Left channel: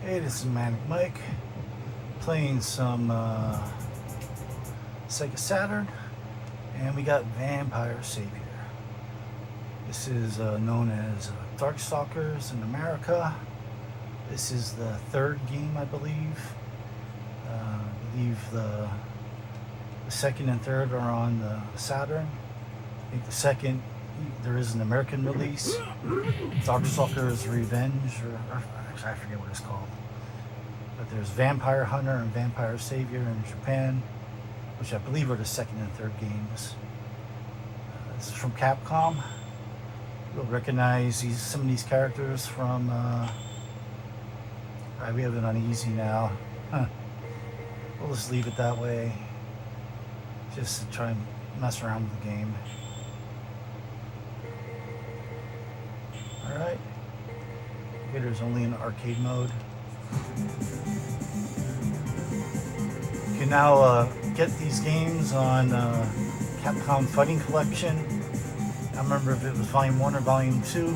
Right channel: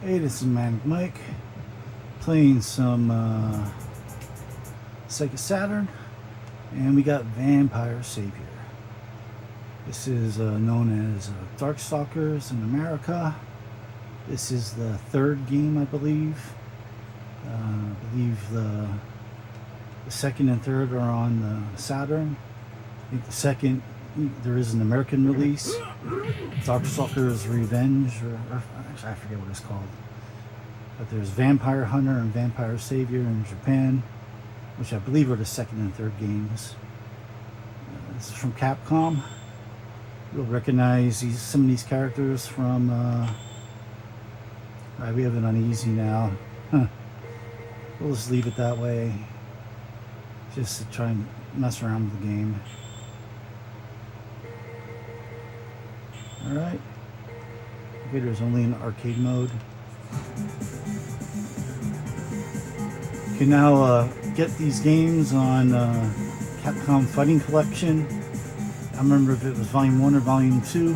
Hey, this is Manic Mike playing some Sega Saturn, and we got Vampire Savior. This is known as Darkstalkers in America. This is the third game, I believe. I believe the second and third are on the Saturn. I think the second, there is an American release, Darkstalkers Revenge, or actually I forget what it's called. But there's Vampire Hunter and Vampire Savior in Japan, which I believe are the second and third games. This is from Capcom. You'll recognize some of these characters from. We have it on easy now. We'll just leave it that way, just to try and mess around with the game. Alright. Computer's only in arcade mode. You can now get these games on Capcom Fighting Collection. I don't remember if it was Volume 1 or Volume 2,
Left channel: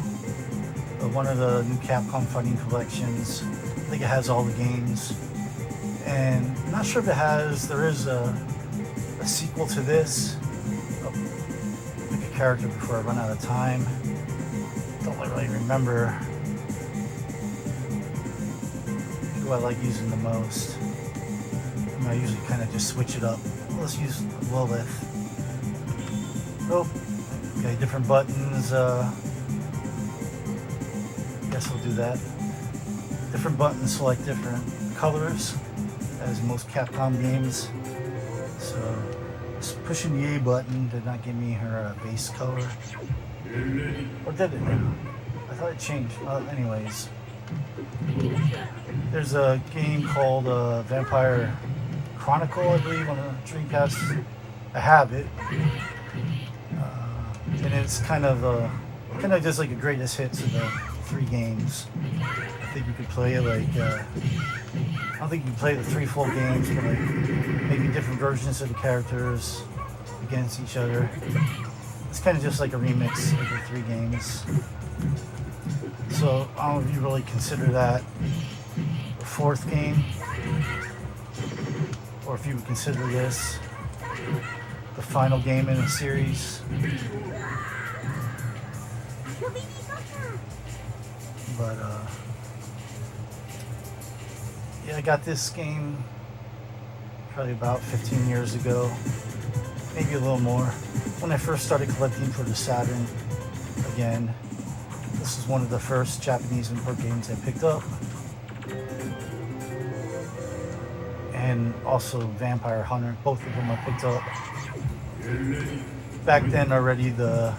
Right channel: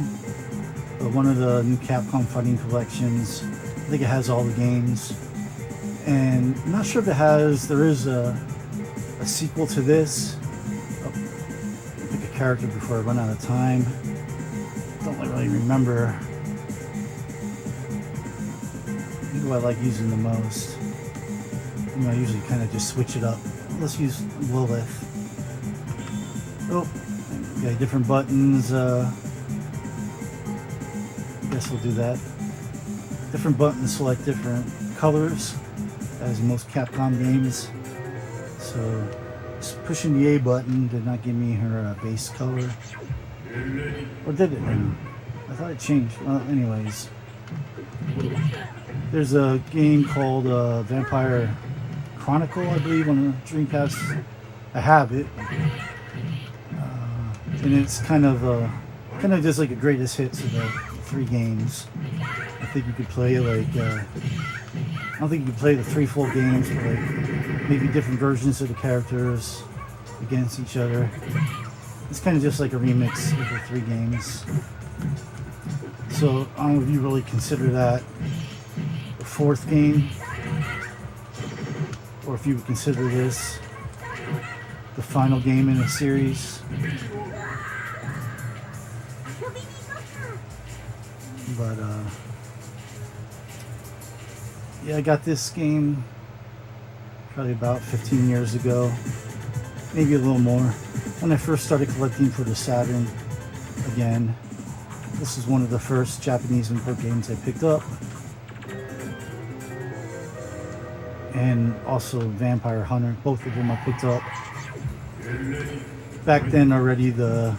but one of the new Capcom Fighting Collections. I think it has all the games. And I'm not sure if it has, there is a sequel to this. I'll pick a character before I run out of time. Don't really remember who I like using the most. I usually kind of just switch it up. Let's use Lilith. Oh, okay, different buttons. I guess we'll do that. Different buttons select different colors, as in most Capcom games. So, just pushing the A button did not give me her base color. Or did it? I thought it changed. Well, anyways. There's a game called Vampire Chronicle, I believe, on the Dreamcast. I have it. And it's kind of just like a greatest hits of the three games. I think you could play it like, I don't think you could play the three full games, but like maybe different versions of the characters against each other. It's kind of just like a remix of the three games. So I don't know if you really consider that the fourth game, or if you would consider this the final game in the series. But yeah, I got this game probably about 15 years ago, maybe a little more, when I first started collecting for the Saturn again. This is one of the first Japanese import games I picked up. And also Vampire Hunter, both of them I picked up. Back then already the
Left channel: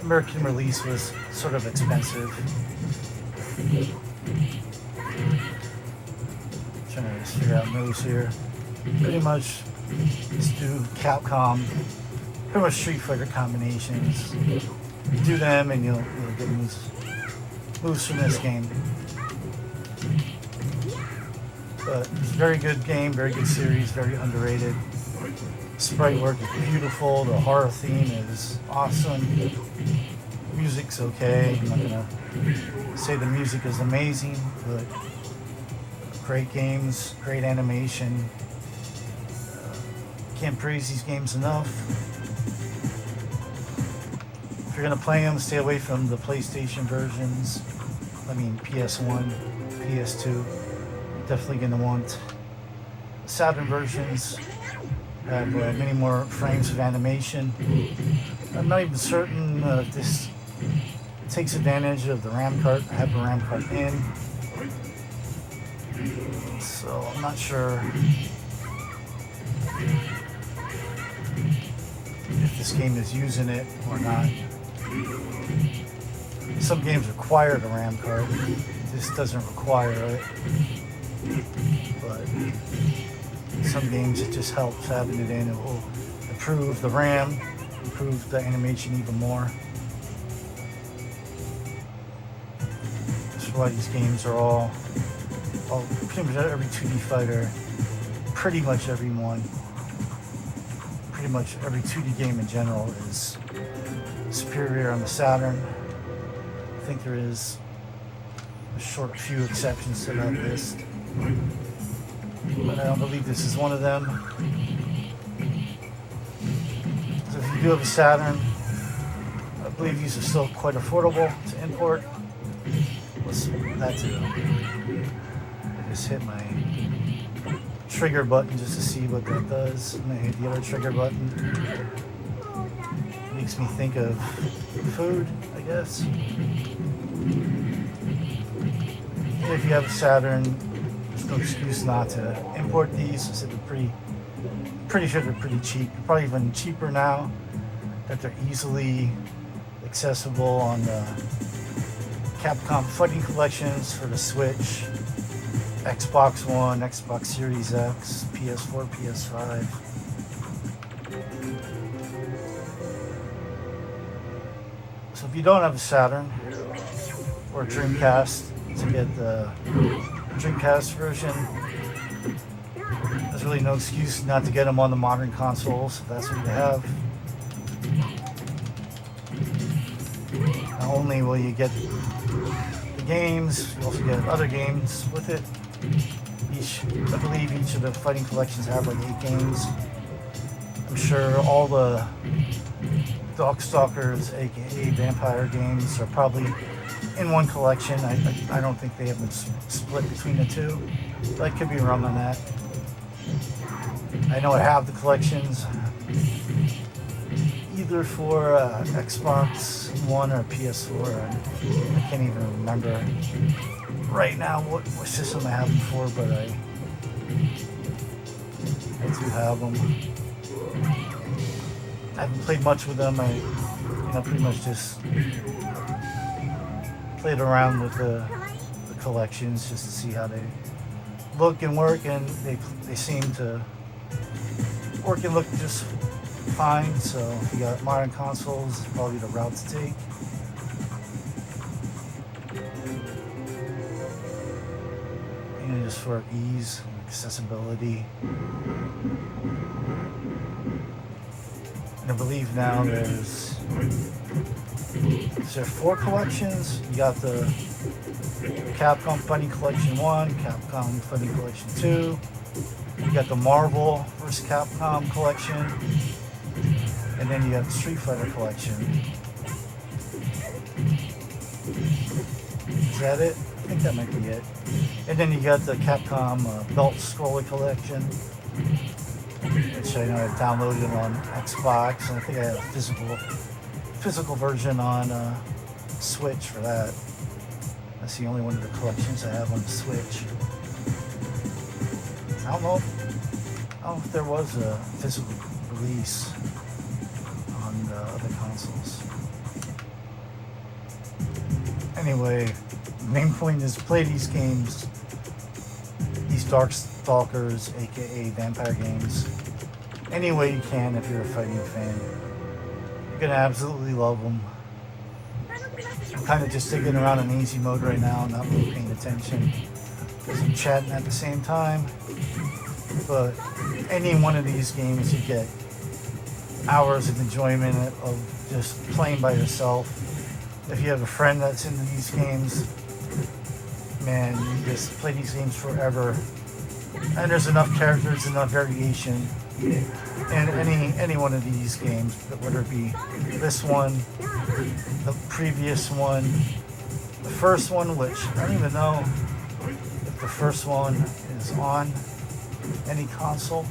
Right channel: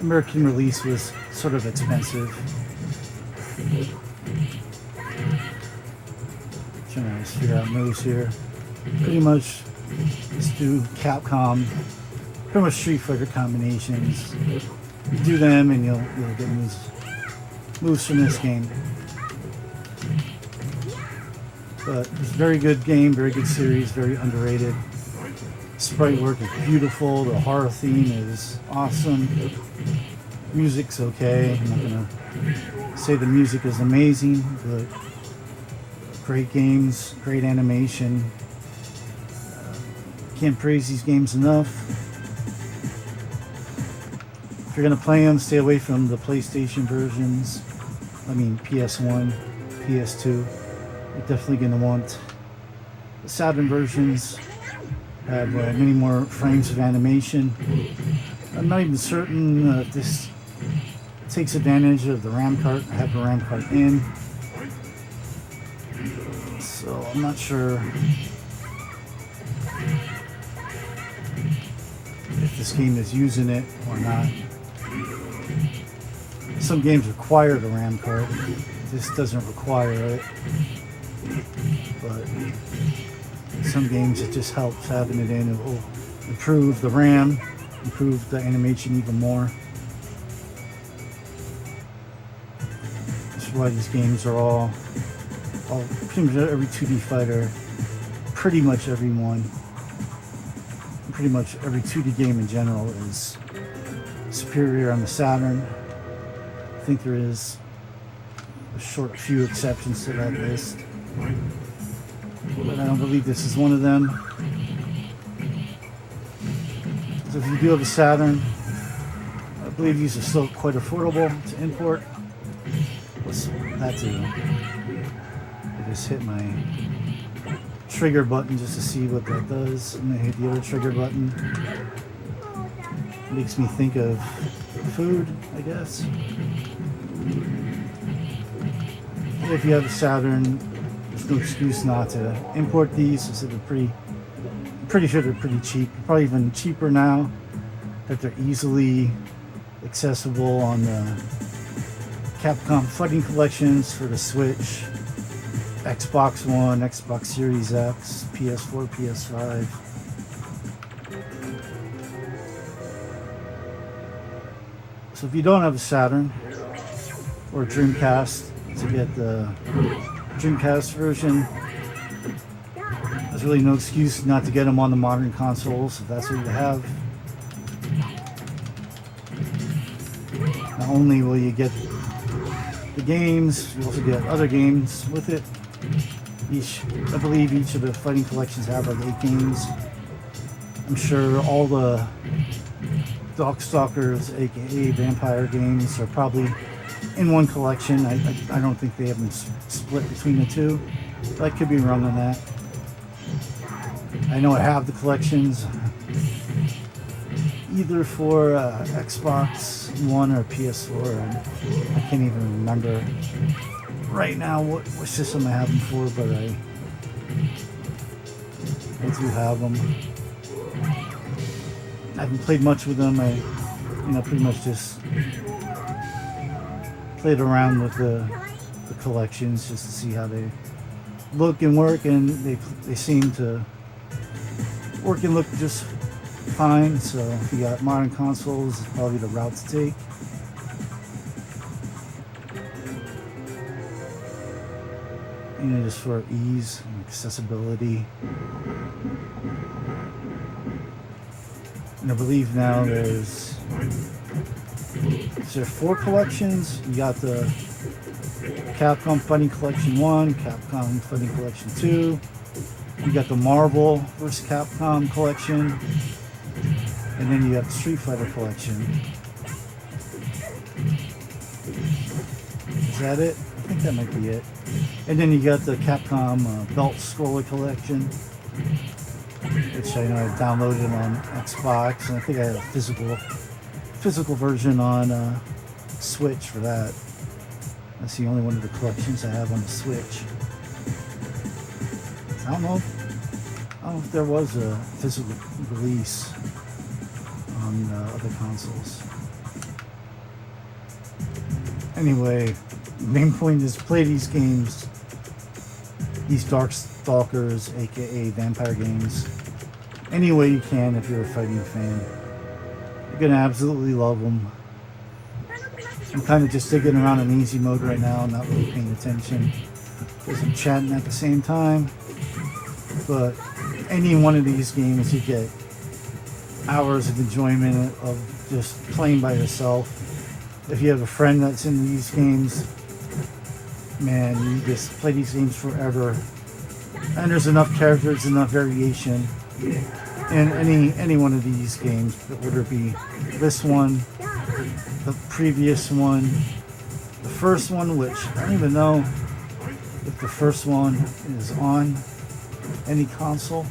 American release was sort of expensive. Trying to figure out moves here. Pretty much just do Capcom, pretty much Street Fighter combinations. You do them and you'll get moves from this game. But it's a very good game, very good series, very underrated. Sprite work is beautiful, the horror theme is awesome. Music's okay. I'm not gonna say the music is amazing, but great games, great animation. Can't praise these games enough. If you're gonna play them, stay away from the PlayStation versions. I mean PS1, PS2. You're definitely gonna want the Saturn versions. Have many more frames of animation. I'm not even certain if this takes advantage of the RAM card. I have the RAM card in, so I'm not sure if this game is using it or not. Some games require the RAM card. This doesn't require it. But some games it just helps having it in. It will improve the RAM, improve the animation even more. That's why these games are all pretty much every 2D fighter, pretty much every one, pretty much every 2D game in general is superior on the Saturn. I think there is a short few exceptions to that list. But I don't believe this is one of them. So if you do have a Saturn, I believe these are still quite affordable to import. So that's it. I just hit my trigger button just to see what that does, and I hit the other trigger button. Makes me think of food, I guess. If you have a Saturn, there's no excuse not to import these. So they're pretty sure they're pretty cheap. Probably even cheaper now that they're easily accessible on the Capcom Fighting Collections for the Switch, Xbox One, Xbox Series X, PS4, PS5. So if you don't have a Saturn or a Dreamcast, to get the Dreamcast version, there's really no excuse not to get them on the modern consoles if that's what you have. Not only will you get the games, you also get other games with it. I believe each of the fighting collections have like 8 games. I'm sure all the Darkstalkers, aka Vampire games, are probably in one collection. I don't think they have been split between the two. But I could be wrong on that. I know I have the collections either for Xbox One or PS4. I can't even remember right now what system I have them for, but I do have them. I haven't played much with them. I, pretty much just played around with the collections just to see how they look and work, and they seem to work and look just fine. So if you got modern consoles, probably the route to take. Just for ease and accessibility. And I believe now there's 4 collections. You got the Capcom Fighting Collection 1, Capcom Fighting Collection 2. You got the Marvel vs. Capcom collection, and then you have the Street Fighter collection. Is that it? I think that might be it. And then you got the Capcom Belt Scroller collection, which I know I downloaded on Xbox, and I think I have a physical version on Switch for that. That's the only one of the collections I have on the Switch. I don't know if there was a physical release on other consoles. Anyway, the main point is play these games, these Darkstalkers, aka Vampire games, any way you can if you're a fighting fan. You're gonna absolutely love them. I'm kind of just digging around in easy mode right now, not really paying attention because I'm chatting at the same time. But any one of these games, you get hours of enjoyment of just playing by yourself. If you have a friend that's in these games, man, you just play these games forever. And there's enough characters, enough variation in any one of these games, whether it be this one, the previous one, the first one, which I don't even know if the first one is on any console.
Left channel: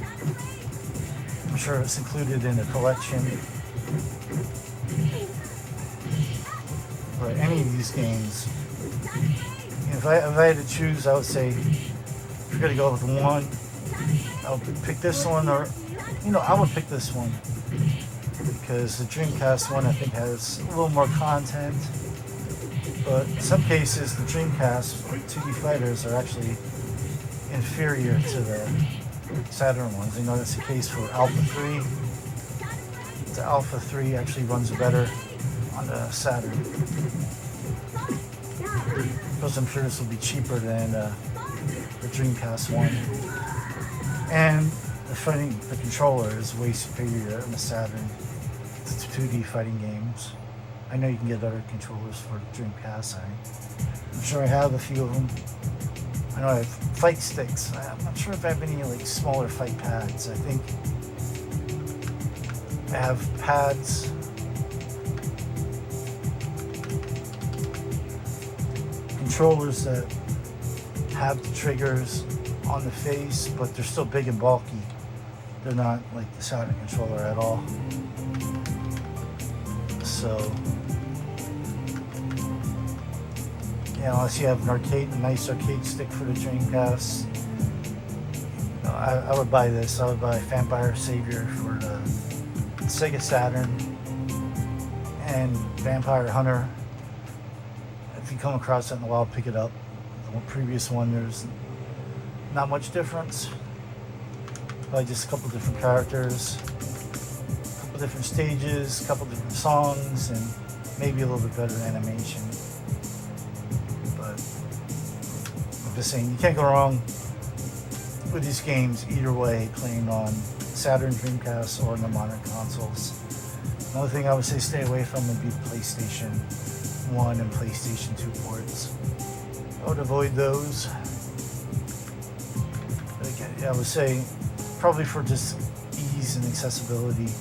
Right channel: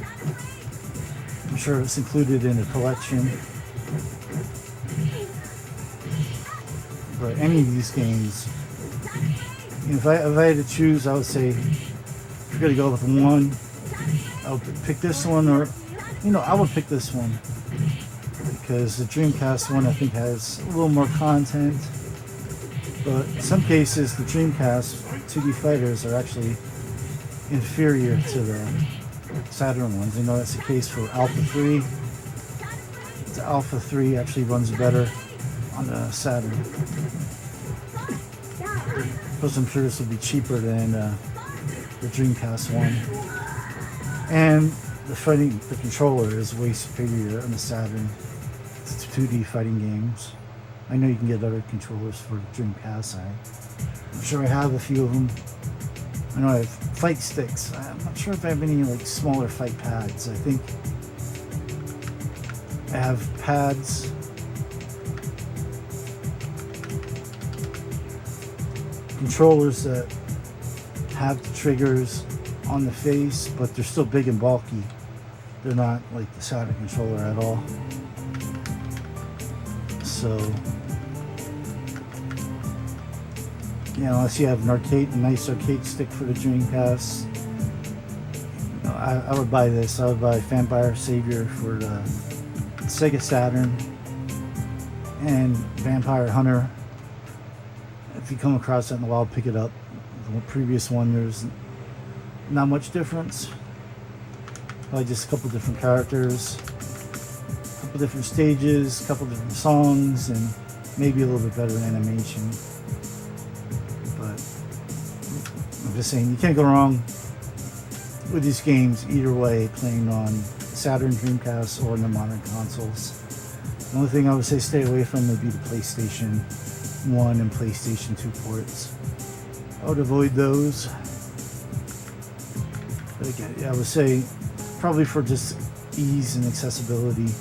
I'm sure it's included in a collection. But any of these games, if I had to choose, I would say if you're gonna go with one, I would pick this one, or I would pick this one because the Dreamcast one I think has a little more content. But in some cases, the Dreamcast 2D fighters are actually inferior to the Saturn ones. That's the case for Alpha 3. The Alpha 3 actually runs better on a Saturn. Because I'm sure this will be cheaper than the Dreamcast one. And the controller is way superior on the Saturn to 2D fighting games. I know you can get other controllers for Dreamcast. I'm sure I have a few of them. I know I have fight sticks. I'm not sure if I have any like smaller fight pads. I think I have pads. Controllers that have the triggers on the face, but they're still big and bulky. They're not like the Saturn controller at all. So, unless you have a nice arcade stick for the Dreamcast, I would buy this. I would buy Vampire Savior for the Sega Saturn and Vampire Hunter. If you come across that in the wild, pick it up. The previous one, there's not much difference. Probably just a couple different characters, a couple different stages, a couple different songs, and maybe a little bit better animation. But I'm just saying, you can't go wrong with these games either way, playing on Saturn, Dreamcast, or the modern consoles. The only thing I would say stay away from would be the PlayStation 1 and PlayStation 2 ports. I would avoid those. But again, I would say probably for just ease and accessibility,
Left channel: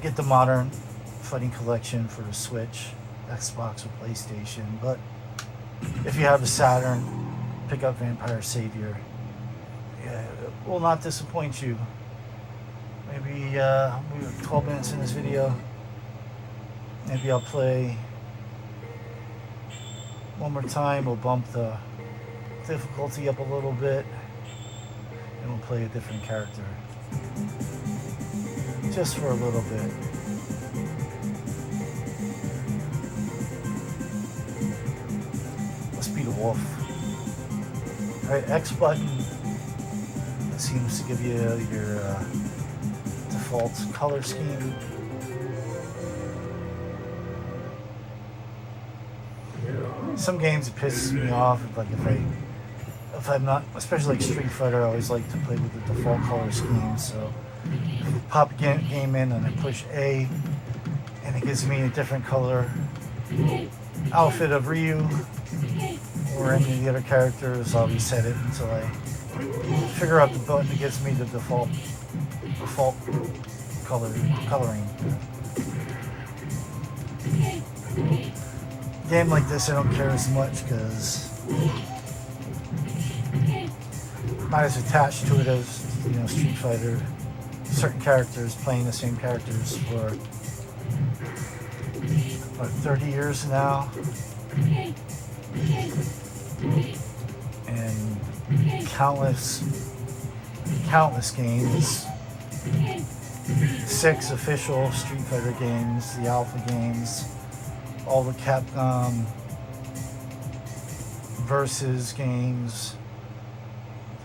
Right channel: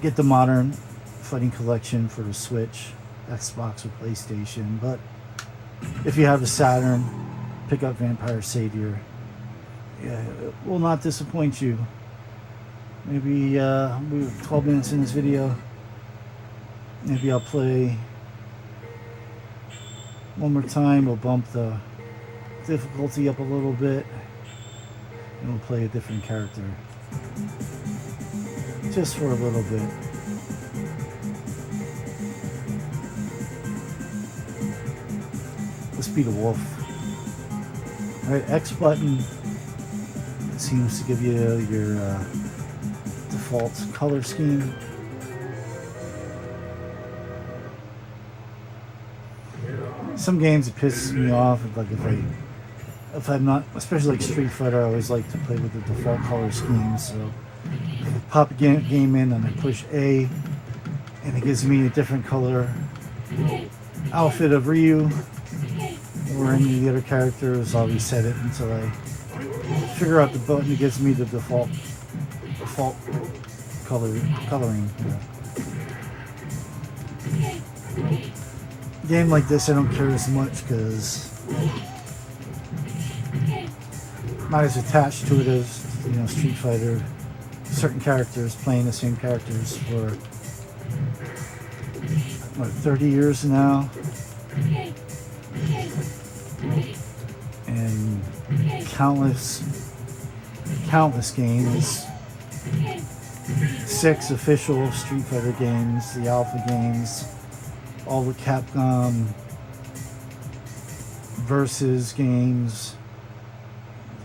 get the modern fighting collection for the Switch, Xbox, or PlayStation. But if you have a Saturn, pick up Vampire Savior. Yeah, it will not disappoint you. Maybe we're 12 minutes in this video. Maybe I'll play one more time. We'll bump the difficulty up a little bit, and we'll play a different character just for a little bit. Let's be the wolf. Right, X button seems to give you your default color scheme. Some games it pisses me off, like if I'm not, especially like Street Fighter, I always like to play with the default color scheme. So if I pop a game in and I push A, and it gives me a different color outfit of Ryu or any of the other characters, I'll reset it until I figure out the button that gives me the default coloring. A game like this I don't care as much because I'm not as attached to it as Street Fighter. Certain characters playing the same characters for 30 years now, and countless games. 6 official Street Fighter games, the Alpha games, all the Capcom versus games,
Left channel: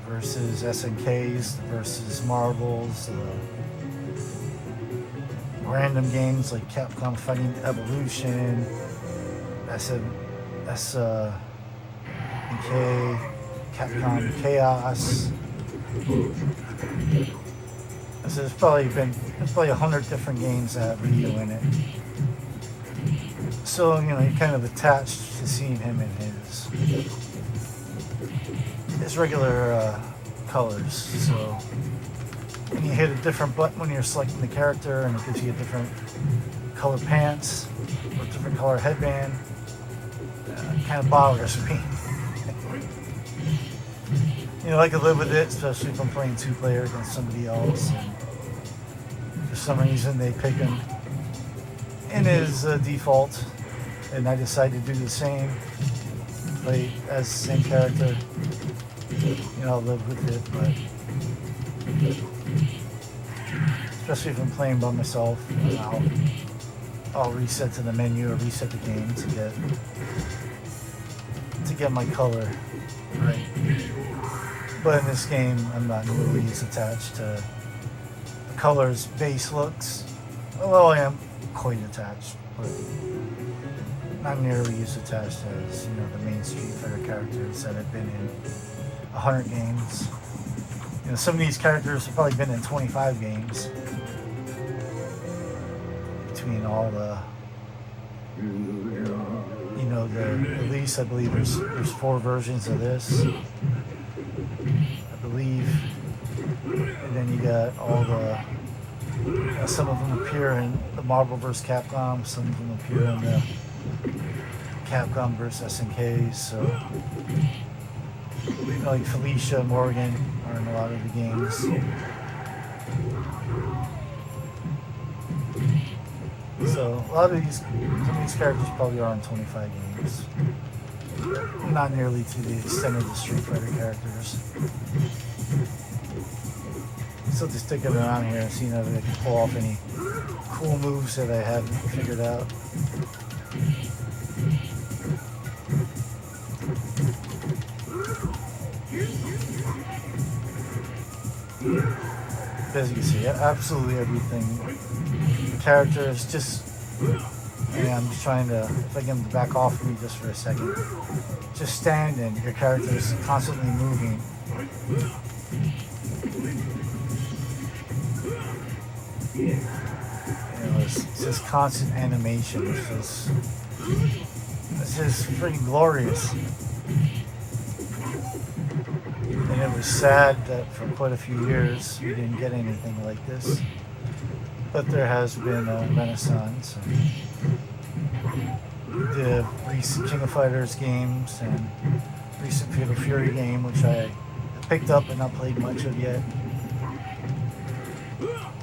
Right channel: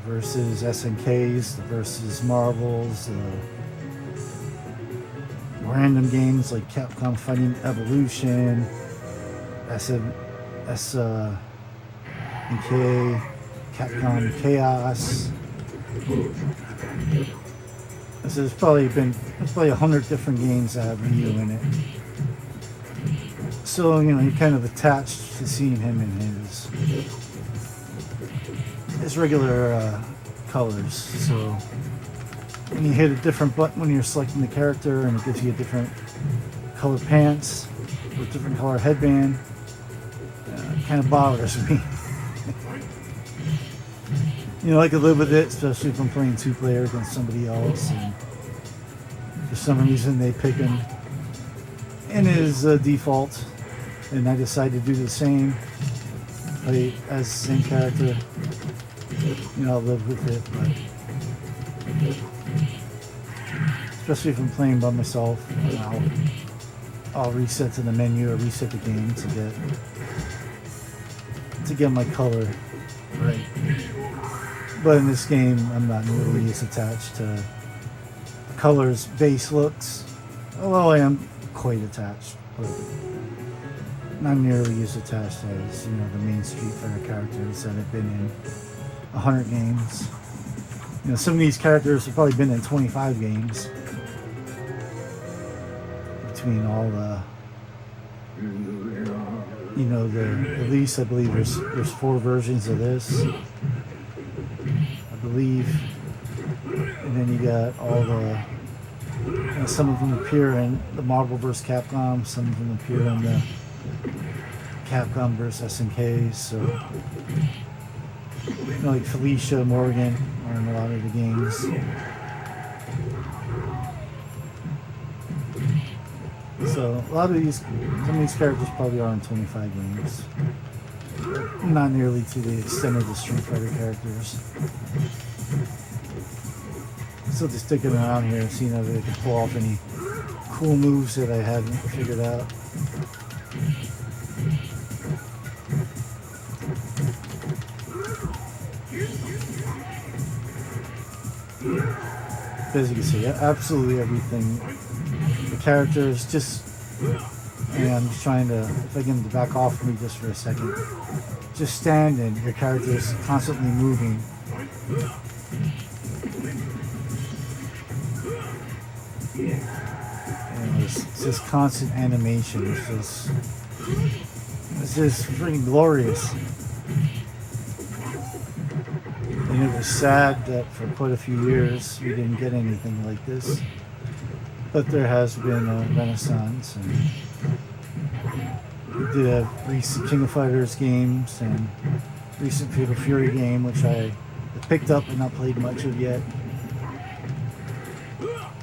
versus SNKs, versus Marvels, random games like Capcom Fighting Evolution, SNK, Capcom Chaos. So there's probably 100 different games that have Ryu in it. So you're kind of attached to seeing him in his regular colors. So when you hit a different button when you're selecting the character, and it gives you a different color pants or a different color headband, it kind of bothers me. I could live with it, especially if I'm playing 2-player against somebody else. And for some reason, they pick him in his default, and I decide to do the same, play as the same character. I'll live with it, but especially if I'm playing by myself, I'll reset to the menu or reset the game to get my color right. But in this game, I'm not really as attached to the colors, base looks. Although I am quite attached, but not nearly as attached as the main Street Fighter characters that have been in 100 games. Some of these characters have probably been in 25 games between all the You know, the release, I believe there's 4 versions of this, I believe. And then you got all the, some of them appear in the Marvel vs. Capcom, some of them appear in the Capcom vs. SNK, so, you know, like Felicia, Morgan are in a lot of the games. So a lot of these, some of these characters probably are in 25 games. Not nearly to the extent of the Street Fighter characters. Still just sticking around here and seeing if I can pull off any cool moves that I haven't figured out. As you can see, absolutely everything. The characters just, yeah, I'm just trying to, if I get them to back off me just for a second. Just stand and your character is constantly moving. And it's just constant animation. It's just freaking glorious. And it was sad that for quite a few years we didn't get anything like this. But there has been a renaissance. And we did have recent King of Fighters games and recent Fatal Fury game, which I picked up and not played much of yet.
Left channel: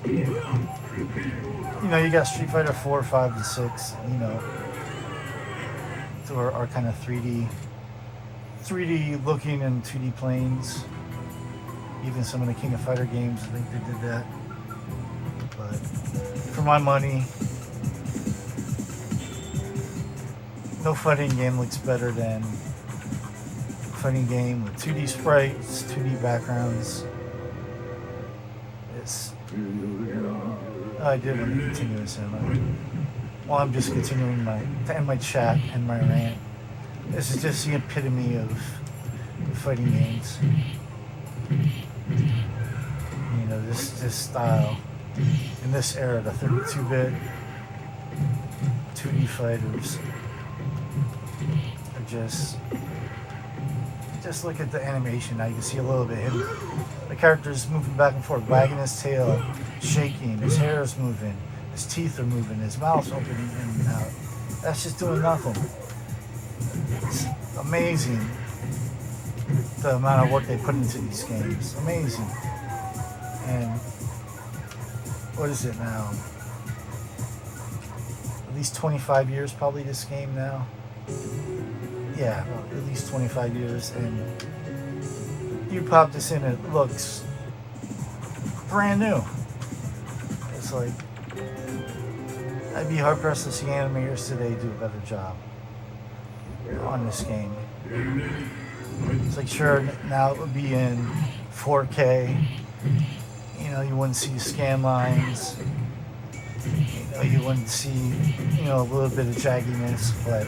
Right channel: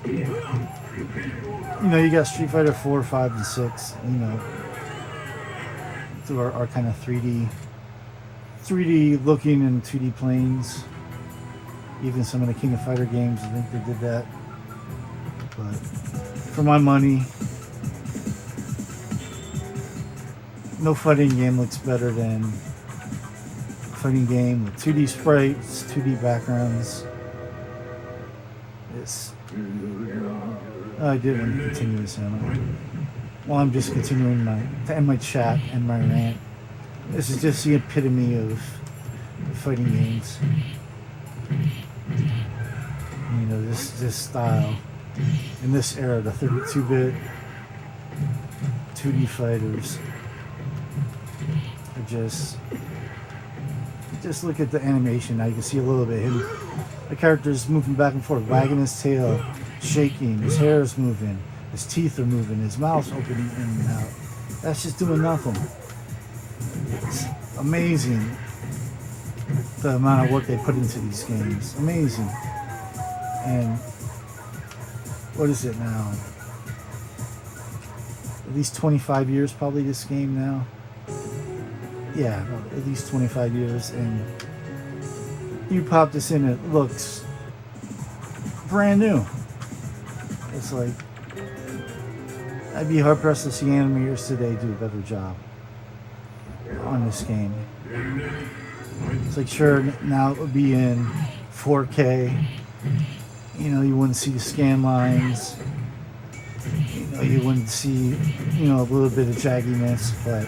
You know, you got Street Fighter 4, 5, and 6, you know, through our kind of 3D looking and 2D planes. Even some of the King of Fighter games, I think they did that. But for my money, no fighting game looks better than a fighting game with 2D sprites, 2D backgrounds. It's, I did want to continue this on. Well, I'm just continuing to end my chat and my rant. This is just the epitome of fighting games. You know, this style. In this era, the 32-bit 2D fighters are just look at the animation. Now you can see a little bit of him. The character's moving back and forth, wagging his tail, shaking, his hair is moving, his teeth are moving, his mouth's opening in and out. That's just doing nothing. It's amazing the amount of work they put into these games. Amazing. And what is it now? At least 25 years probably this game now. Yeah, well, at least 25 years, and you pop this in, it looks brand new. It's like, I'd be hard pressed to see animators today do a better job on this game. It's like, sure, now it would be in 4K. You know, you wouldn't see the scan lines. You know, you wouldn't see, you know, a little bit of jagginess, but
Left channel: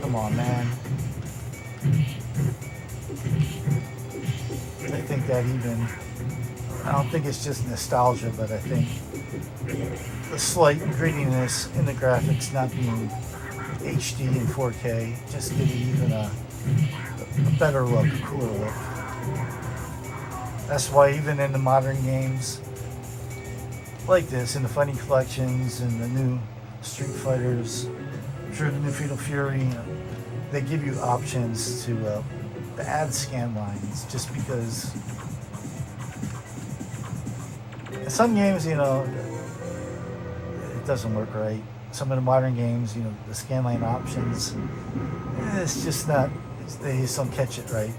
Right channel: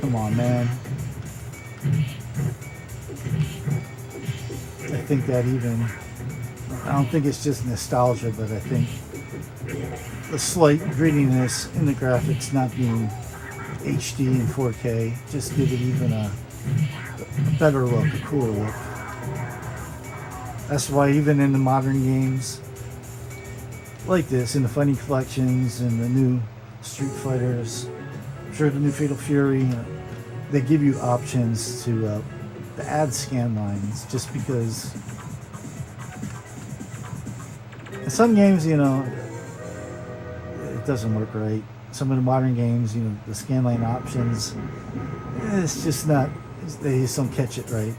come on, man. I think that even, I don't think it's just nostalgia, but I think the slight grittiness in the graphics not being HD and 4K just give it even a better look, a cooler look. That's why even in the modern games like this, in the Funny Collections and the new Street Fighters, I'm sure the new Fatal Fury, they give you options to add scan lines, just because in some games, you know, it doesn't work right. Some of the modern games, you know, the scan line options, it's just not, they just don't catch it right.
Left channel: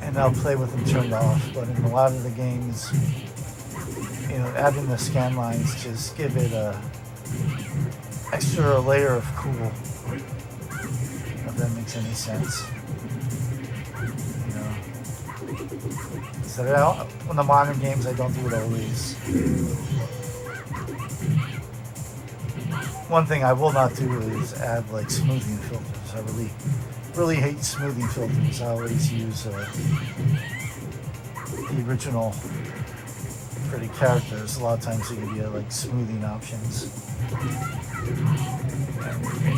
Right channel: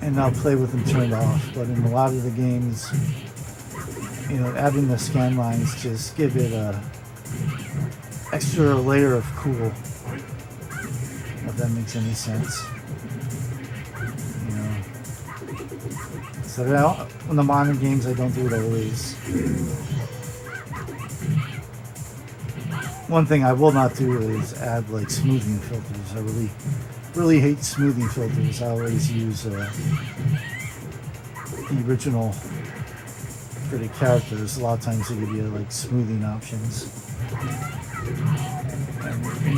And I'll play with them turned off. But in a lot of the games, you know, adding the scan lines just give it a extra layer of cool, if that makes any sense. You know, so in the modern games, I don't do it always. One thing I will not do is add like smoothing filters. I really hate smoothing filters. I always use the original for the characters. A lot of times they give you like smoothing options. You're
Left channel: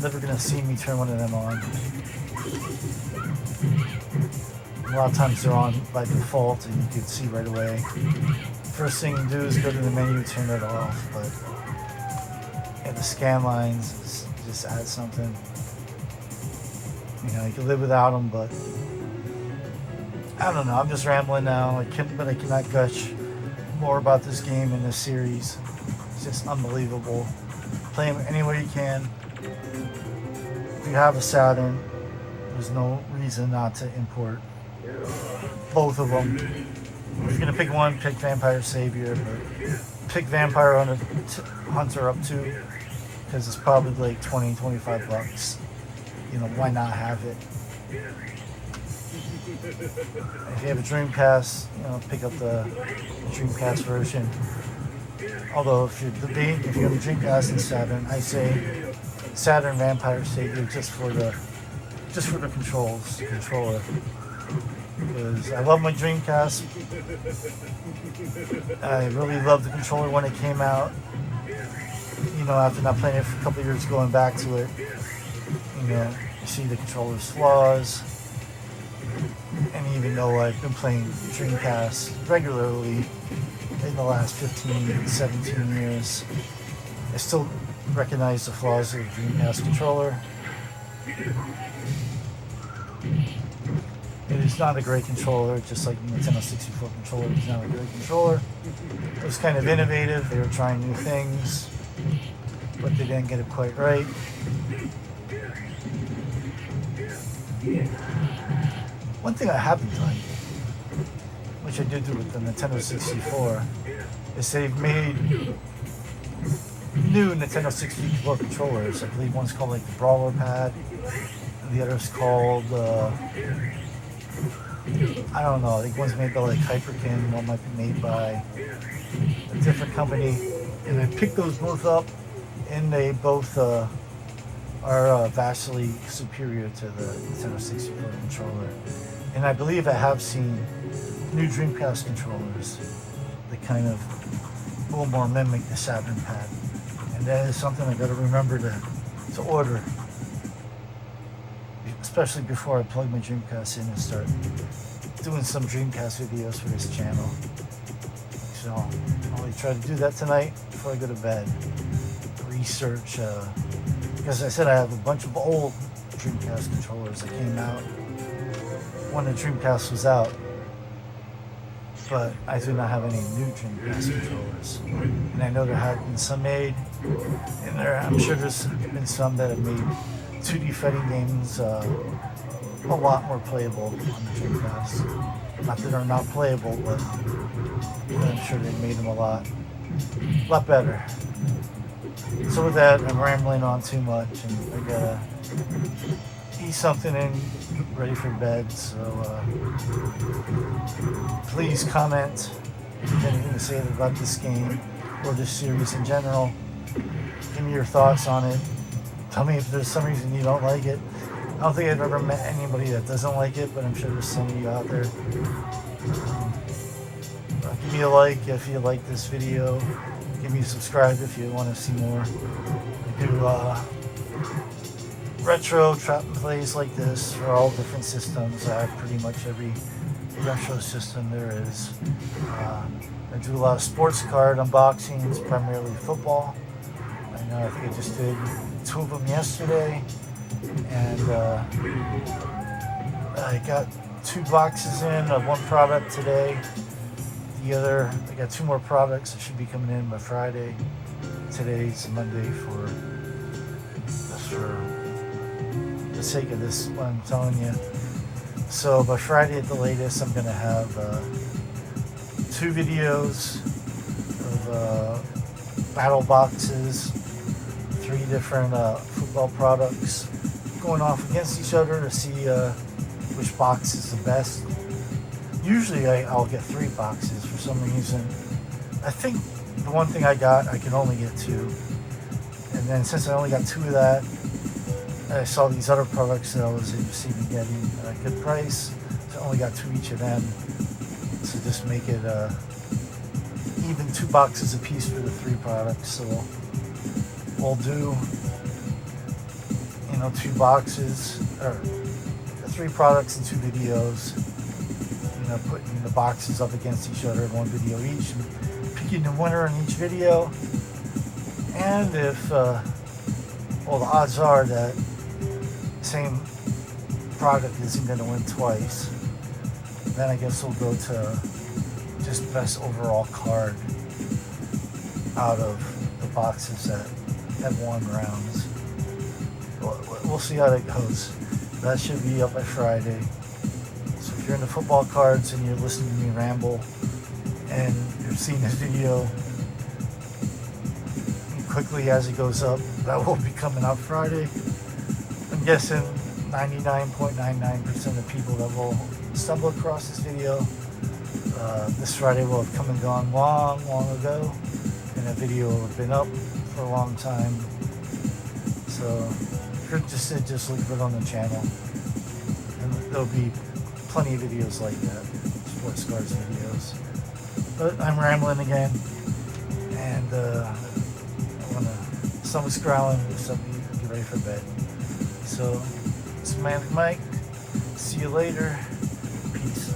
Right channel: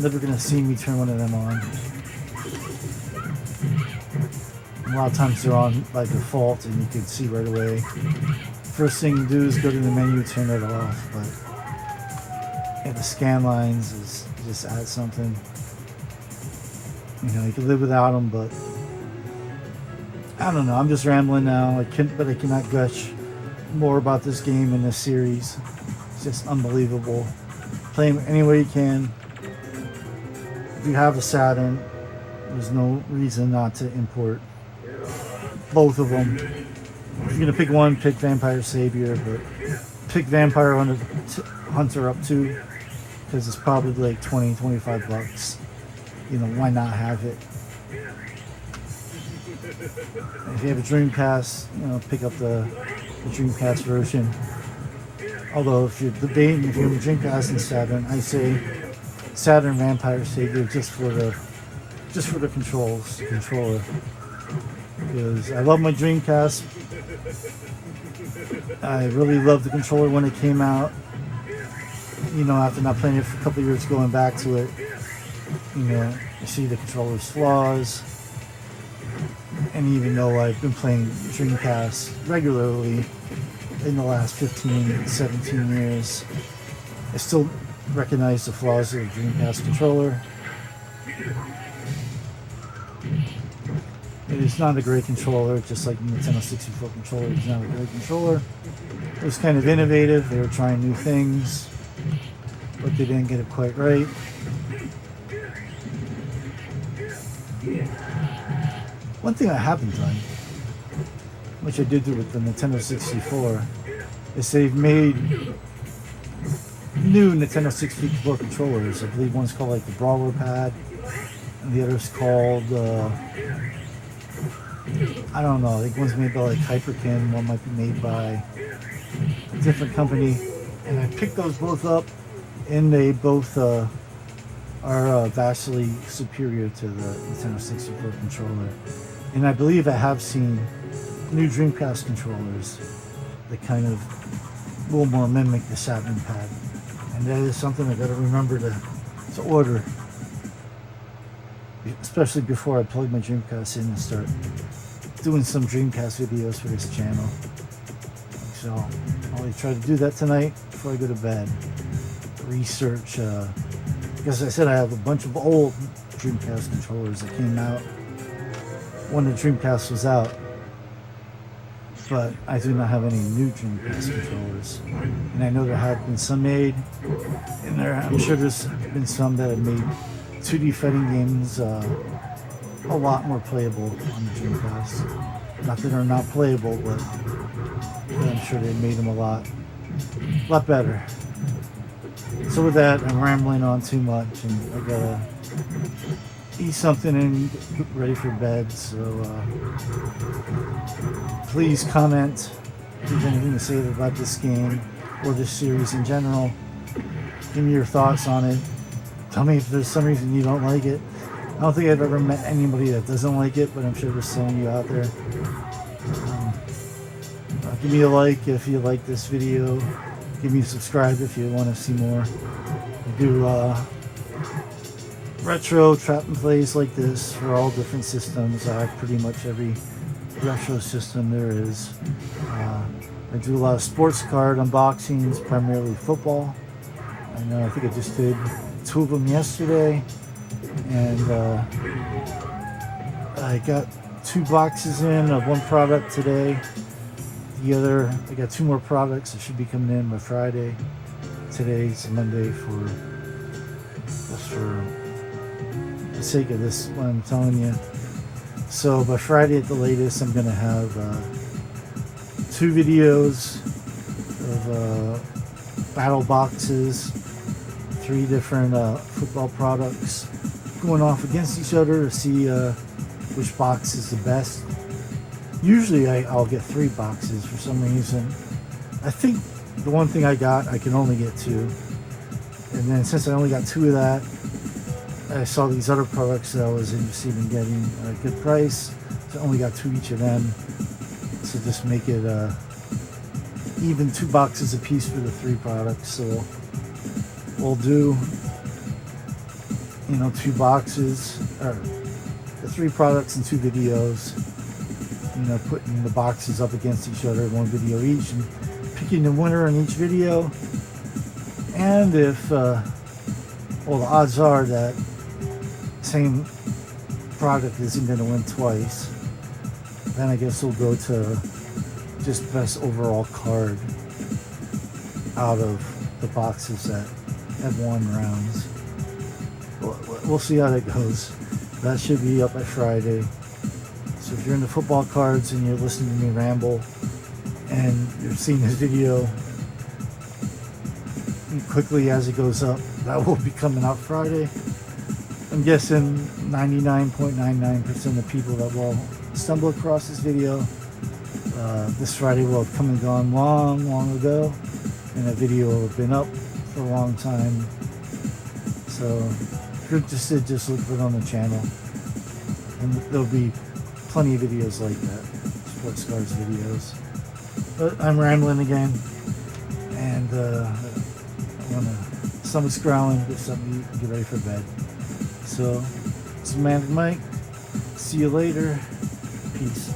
never gonna see me turn one of them on. A lot of times they're on by default, and you can see right away. First thing you do is go to the menu, turn it off. But yeah, the scan lines is just add something. You know, you can live without them, but I don't know. I'm just rambling now. I cannot gush more about this game in this series. It's just unbelievable. Play them any way you can. If you have a Saturn, there's no reason not to import both of them. If you're gonna pick one, pick Vampire Savior, but pick Vampire Hunter up too, because it's probably like 20-25 bucks. You know, why not have it? If you have a Dreamcast, you know, pick up the Dreamcast version. Although if you're debating if you have a Dreamcast and Saturn, I say Saturn Vampire Savior just for the controller. Because I love my Dreamcast. I really loved the controller when it came out. You know, after not playing it for a couple of years, going back to it, you know, you see the controller's flaws. And even though I've been playing Dreamcast regularly in the last 15, 17 years, I still recognize the flaws of the Dreamcast controller. It is not a great controller, just like the Nintendo 64 controller is not a great controller. It was kind of innovative. They were trying new things, but they didn't get it quite right. One thing I haven't done, which I did do with the Nintendo 64, is they've made new Nintendo 64 controllers. I believe one's called like the Brawler Pad, and the other's called, I don't know, I think one's made by like Hyperkin, one might be made by a different company. And I picked those both up, and they both are vastly superior to the Nintendo 64 controller. And I believe I have seen new Dreamcast controllers that kind of will more mimic the Saturn pad. And that is something I gotta remember to order. Especially before I plug my Dreamcast in and start doing some Dreamcast videos for this channel. So I'll probably try to do that tonight before I go to bed. Research, because I said I have a bunch of old Dreamcast controllers that came out when the Dreamcast was out, but I do not have any new Dreamcast controllers. And I know there have been some made, and I'm sure there's been some that have made 2D fighting games a lot more playable on the Dreamcast. Not that they're not playable, but I'm sure they made them a lot better. So with that, I'm rambling on too much, and I gotta eat something and get ready for bed. So please comment if you have anything to say about this game or this series in general. Give me your thoughts on it. Tell me if there's some reason you don't like it. I don't think I've ever met anybody that doesn't like it, but I'm sure there's some of you out there. Give me a like if you like this video. Give me a subscribe if you want to see more. I do retro trap and plays like this for all different systems. I have pretty much every retro system there is. I do a lot of sports card unboxings, primarily football. And I think I just did 2 of them yesterday. And I got 2 boxes in of one product today. The other, I got 2 more products that should be coming in by Friday. Today's Monday for the sake of this, what I'm telling you. So by Friday at the latest, I'm going to have 2 videos of battle boxes, 3 different football products going off against each other to see which box is the best. Usually I'll get 3 boxes for some reason. I think the one thing I got, I can only get 2. And then since I only got 2 of that, I saw these other products that I was interested in getting at a good price. So I only got 2 each of them. So just make it even 2 boxes a piece for the 3 products. So we'll do, you know, 2 boxes, or 3 products and 2 videos, you know, putting the boxes up against each other, 1 video each, and picking the winner in each video. And if, well, the odds are that same product isn't going to win twice, then I guess we'll go to just best overall card out of the boxes that have won rounds. We'll see how that goes. That should be up by Friday. So if you're into football cards and you're listening to me ramble and you're seeing this video quickly as it goes up, that will be coming out Friday. I'm guessing 99.99% of people that will stumble across this video this Friday will have come and gone long ago, and that video will have been up for a long time. So if you're interested, just look for it on the channel. And there'll be plenty of videos like that, sports cards videos. But I'm rambling again, and stomach's growling, so I get ready for bed. So, it's Manic Mike. See you later. Peace.